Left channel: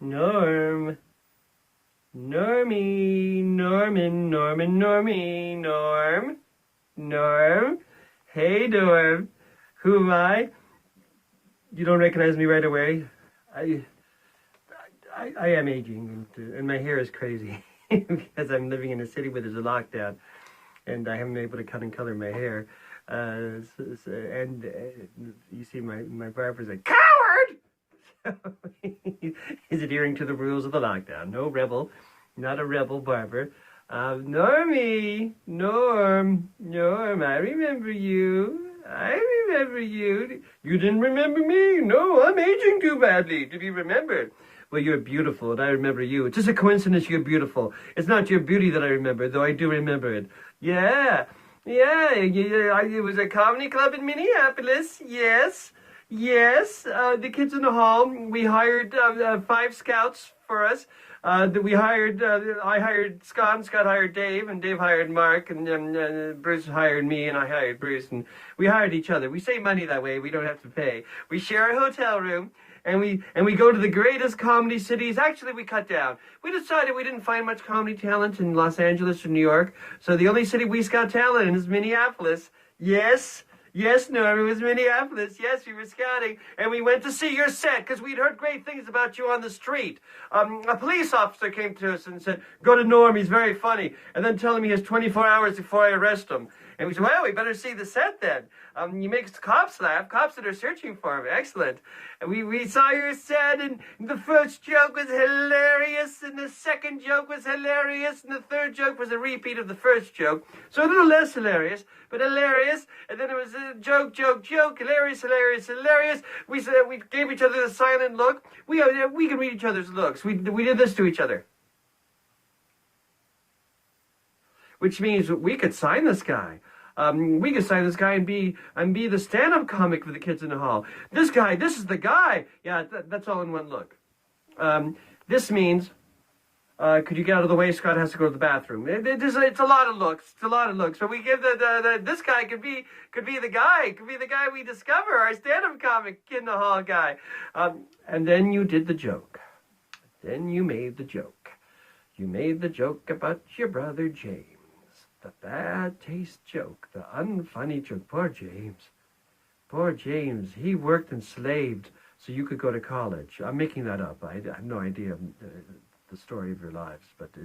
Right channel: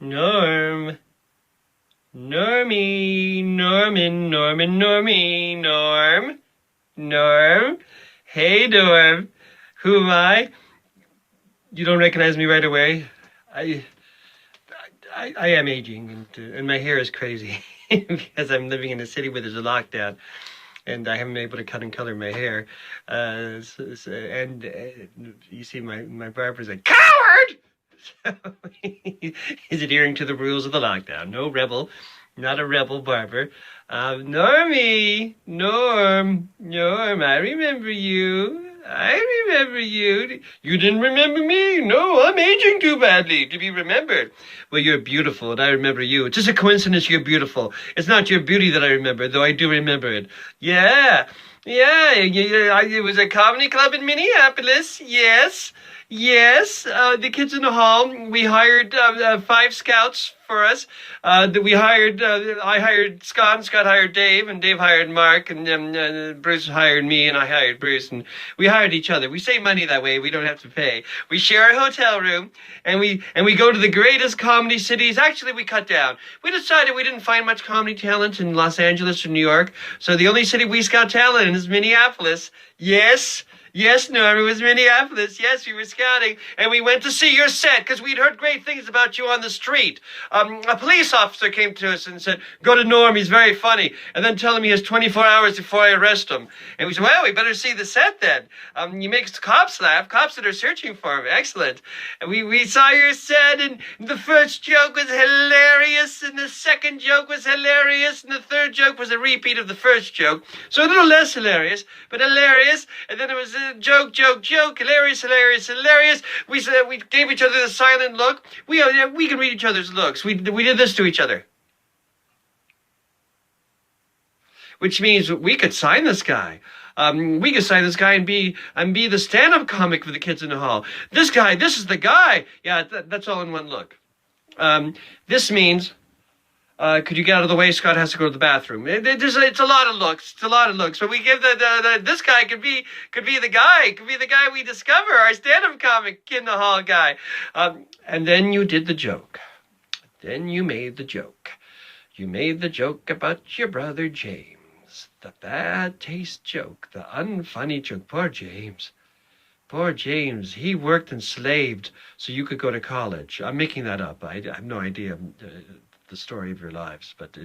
Norm. Normie. Normie. Norm. Norm. Hey, Norm. Who am I? You don't recognize me right away? I I am aging, and my hair is crazy because I'm living in a city where there's a lockdown, and I haven't been able to cut and color my hair. You see, my barber's a coward. So he's adhering to the rules of the lockdown. No rebel, not a rebel barber. Norm, I remember you. I remember you. You didn't remember me? No, I'm aging too badly to be remembered. Well, you're beautiful, and I remember you. It's just a coincidence you're beautiful. It's not your beauty that I remember, though I do remember it. Yeah, it was a comedy club in Minneapolis. Yes. Yes, the kids in the hall. We hired 5 scouts for us. I hired Scott, and Scott hired Dave, and Dave hired Mark, and Bruce hired me, and I hired Bruce, and we hired each other. We save money that way. We don't have to pay. We share a hotel room, and we go to the greatest comedy cities. Actually, we cut down. We decided we didn't find much comedy talent in Los Angeles or New York, so the only city we scout talent in is Minneapolis. Yes. Yes, Norm, it was Minneapolis. Yes, we were scouting, and we went to see your set because we'd heard great things about you on the street. A police officer came to us and said, "Go to Norm, he's very funny," and then tell him he has 24 hours before I arrest him. And we said, "Well, we better see the set then. You make cops laugh, cops that are searching for him. Excellent." And we saw your set, and the first joke was hilarious, and the second joke was hilarious, and the third joke was a repeat of the first joke. So a little less hilarious, but hilarious. And then it was joke, hilarious. We gave each other the silent look. We can read each other's looks. We did this to each other, which means we could sign this guy. We could sign this guy and be the stand-up comic for the kids in the hall. This is the guy. Yeah, that's all in one look. This means. Could you get out of the way? Scott has to go to the bathroom. It's a lot of looks. It's a lot of looks. But we give this guy could be the guy. Could be the guy we discover, our stand-up comic in the hall guy. And then you did the joke. Then you made the joke. You made the joke about your brother James. The bad taste joke. The unfunny joke. Poor James. Poor James. He worked and slaved so you could go to college. I'm making that up. I have no idea. The story of your lives, but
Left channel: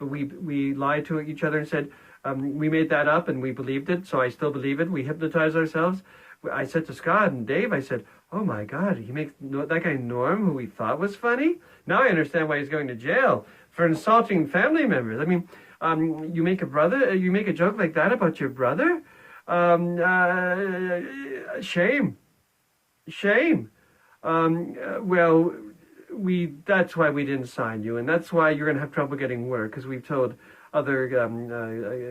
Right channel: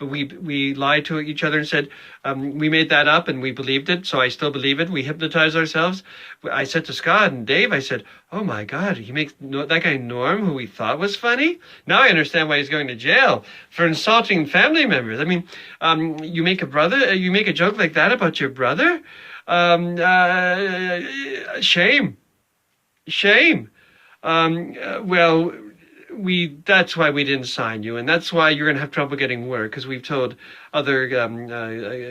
we lied to each other and said we made that up and we believed it, so I still believe it. We hypnotized ourselves. I said to Scott and Dave, I said, "Oh my God, he makes that guy Norm, who we thought was funny. Now I understand why he's going to jail for insulting family members. I mean, you make a joke like that about your brother. Shame. Well." That's why we didn't sign you, and that's why you're going to have trouble getting work, because we've told other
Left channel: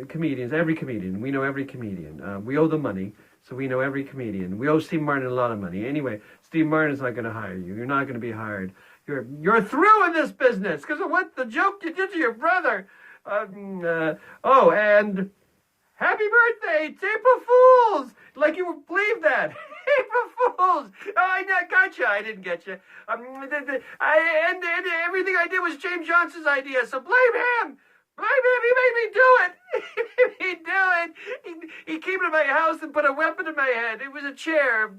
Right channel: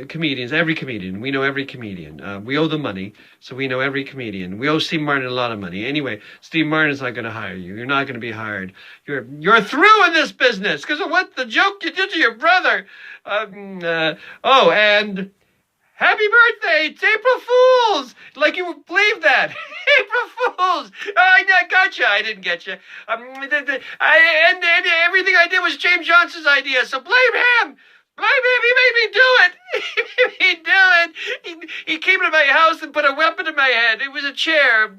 comedians, every comedian, we know every comedian. We owe them money, so we know every comedian. We owe Steve Martin a lot of money. Anyway, Steve Martin's not going to hire you. You're not going to be hired. You're through in this business because of what the joke you did to your brother. And happy birthday! It's April Fool's! Like you would believe that. April Fool's! I got you. I didn't get you. And everything I did was James Johnson's idea, so blame him! Blame him! He made me do it! He made me do it! He came to my house and put a weapon in my head. It was a chair.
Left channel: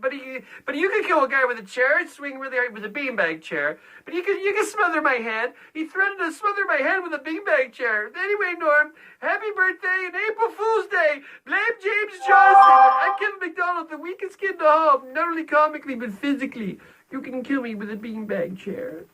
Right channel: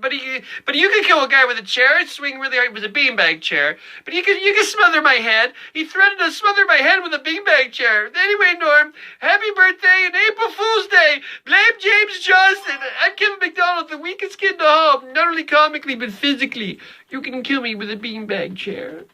But you could kill a guy with a chair. It'd swing really hard. It was a beanbag chair. But you could smother my head. He threatened to smother my head with a beanbag chair. Anyway, Norm, happy birthday and April Fool's Day! Blame James Johnson! I'm Kevin MacDonald, the weakest kid in the hall. Not only comically, but physically. You can kill me with a beanbag chair.